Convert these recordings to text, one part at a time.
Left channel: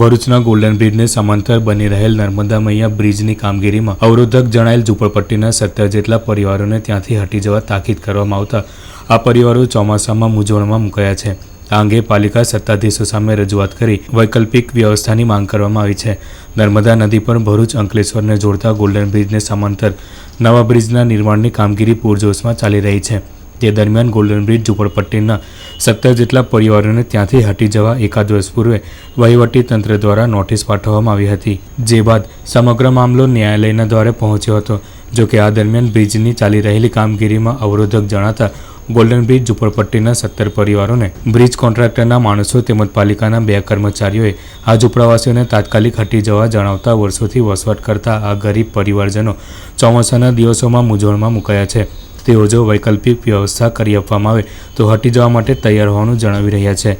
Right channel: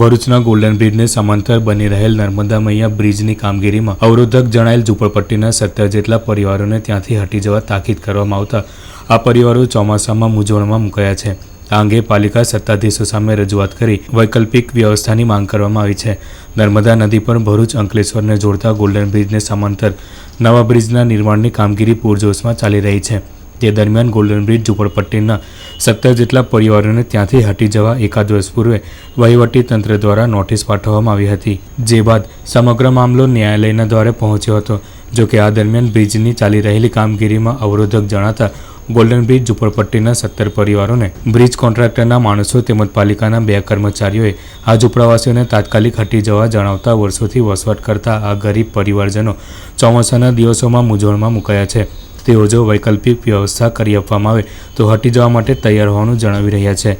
ભરૂચના ગોલ્ડન બ્રિજને સમાંતર બની રહેલ નર્મદા મૈયા બ્રિજની કામગીરીમાં અવરોધક જણાયેલ ઝૂંપડપટ્ટીના સત્તર જેટલા પરિવારોને ત્યાંથી હટી જવા તાકીદ કરવામાં આવતા આ પરિવારો ચોમાસામાં મૂંઝવણમાં મુકાયા છે. આ અંગે પાલિકા સત્તાધીશો સામે રજૂઆત કરી વૈકલ્પિક વ્યવસ્થાની માંગ કરવામાં આવી છે. નર્મદા નદી પર ભરૂચ અંકલેશ્વરને જોડતા ગોલ્ડન બ્રિજને સમાંતર નવા બ્રિજના નિર્માણની કામગીરી પૂરજોશમાં ચાલી રહી છે. તે દરમિયાન ગોલ્ડન બ્રિજ ઝુંપડપટ્ટીના સત્તર જેટલા પરિવારોને ત્યાંથી હટી જવા એકાદ વર્ષ પૂર્વે વહીવટી તંત્ર દ્વારા નોટિસ પાઠવવામાં આવી હતી, જે બાદ સમગ્ર મામલો ન્યાયાલયના દ્વારે પહોંચ્યો હતો. જોકે આ દરમિયાન બ્રિજની ચાલી રહેલી કામગીરીમાં અવરોધક જણાતા ગોલ્ડન બ્રિજ ઝુંપડપટ્ટીના સત્તર પરિવારોને બ્રિજ કોન્ટ્રાક્ટરના માણસો તેમજ પાલિકાના બે કર્મચારીઓએ આ ઝૂંપડાવાસીઓને તાત્કાલિક હટી જવા જણાવતા વર્ષોથી વસવાટ કરતા આ ગરીબ પરિવારજનો ચોમાસાના દિવસોમાં મૂંઝવણમાં મુકાયા છે. તેઓ જો વૈકલ્પિક વ્યવસ્થા કરી આપવામાં આવે તો હટી જવા માટે તૈયાર હોવાનું જણાવી રહ્યા છે.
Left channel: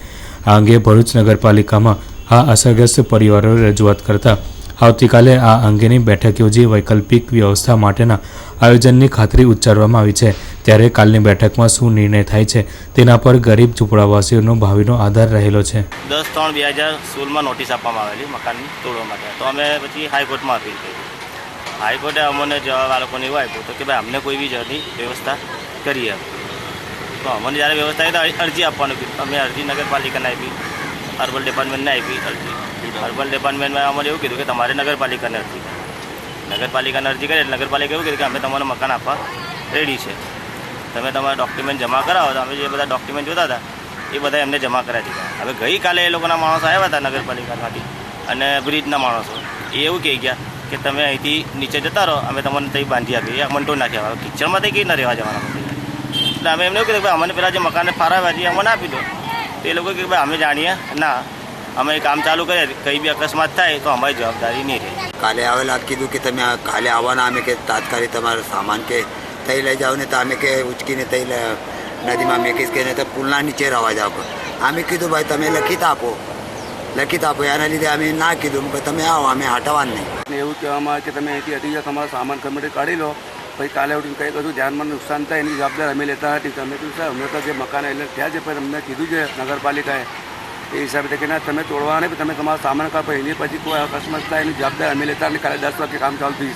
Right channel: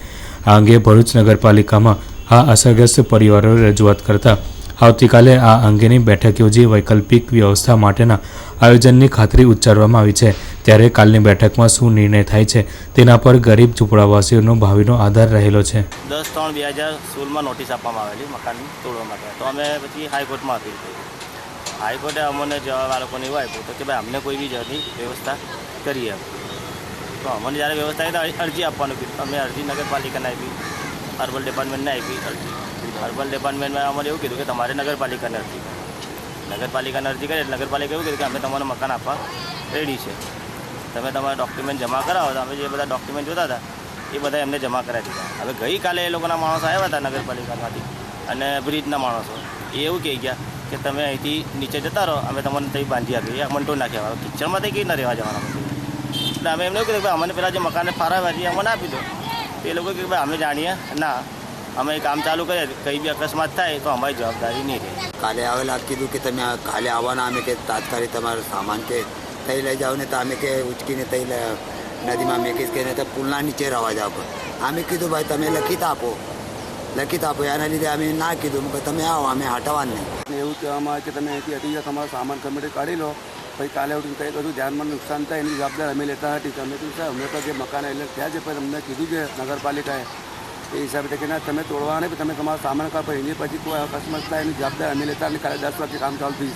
આ અંગે ભરૂચ નગરપાલિકામાં આ અસરગ્રસ્ત પરિવારોએ રજૂઆત કરતા આવતીકાલે આ અંગેની બેઠક યોજી વૈકલ્પિક વ્યવસ્થા માટેના આયોજનની ખાતરી ઉચ્ચારવામાં આવી છે, ત્યારે કાલની બેઠકમાં શું નિર્ણય થાય છે તેના પર ગરીબ ઝૂંપડાવાસીઓનો ભાવિનો આધાર રહેલો છે. દસ ત્રણ બે હજાર સોળમાં નોટિસ આપવામાં આવેલી મકાનની તોડવા માટે. તો અમે પછી હાઈકોર્ટમાં અપીલ કરી. હાઈકોર્ટે અમને જવાબ આ લોકોને એવો આપ્યો તો કે ભાઈ, અમને કોઈ બી જાતની વ્યવસ્થા કરી આપો તો અમને જ્યારે વ્યવસ્થા આવી તો અરજી આપવાનું કીધું. અમે અરજી નગરપાલિકાને આપી, અર્બન ડિપાર્ટમેન્ટને આપી અરજી. અર્બન ડિપાર્ટમેન્ટમાં અમને એવું કીધું કે તમારે નગરપાલિકાને અરજી નગરપાલિકાને અરજી કરી, એટલે નગરપાલિકા એવું કીધું કે અમે તમારું મકાન આપવા રેડી છે. તમે તમારા ડોક્યુમેન્ટ જમા કરાવો, તો અમે જે બધા ડોક્યુમેન્ટ જોતા હતા, એ બધા એમને જમા કરાવી દીધા. હવે ગઈકાલે એ લોકોના માણસો આવ્યા હતા નગરપાલિકામાંથી, અને બ્રિજના માણસો. એ એવું કહી ગયા કે તમે અહીંથી નીચે જતા રહો, અમે તમને ત્યાં બાંધી આપીએ. મંટો નાખ્યા કિચનમાં કિચડમાં કંઈ ના રહેવા જવાના એટલે અમે એમને કીધું કે અમને પહેલાં જે મકાને ફાળવ્યા છે અમને આપી દો. તો એ લોકો કે ભાઈ, અમે જાણીએ. ના, અમે કામ ચાલુ કરીએ. કંઈ બી અકસ્માત થાય તો અમારી જવાબદારી નહીં રહે. કાલે આવેલા કીધું કે તમે કાલે આવવાના. અમે કે તાત્કાલિક તમારો સામાન કે તઈ લઈ જાઓ ને તો અમે કે ઉચકીને તઈ નદીમાં મેકીશ કે નહીં તો પુલના નીચે રહેવા જાઓ. અમે કીધું, ભાઈ, તમે લખી આપો. લખિત આપો એના લીધે અમે ના કીધું. કે તમે આવો, અમે હટાવવાનું નહીં. એવું કહેવામાં આવે કે તમે અહીંથી હટી જાઓ, તમારો સામાન તે કાઢી લો. પછી કાલે ઉઠીને કંઈ બધું ધ્યાનમાં નુકસાન થાય, એની જવાબદારી અમે લેતા નથી. તમે કીધું, સાહેબ, અમે તો જે મકાન એટલે થયા છે, પણ અમને કીધું છે નગરપાલિકાએ. એ હિસાબે કે ના, તમે તોડવા નહીં તમે તમારો સામાન કાપો. એની પછી કોઈ અકસ્માત થાય, એની જવાબદારી અમે લેતા અને કાલે દસ વાગે કામ ચાલુ થઈ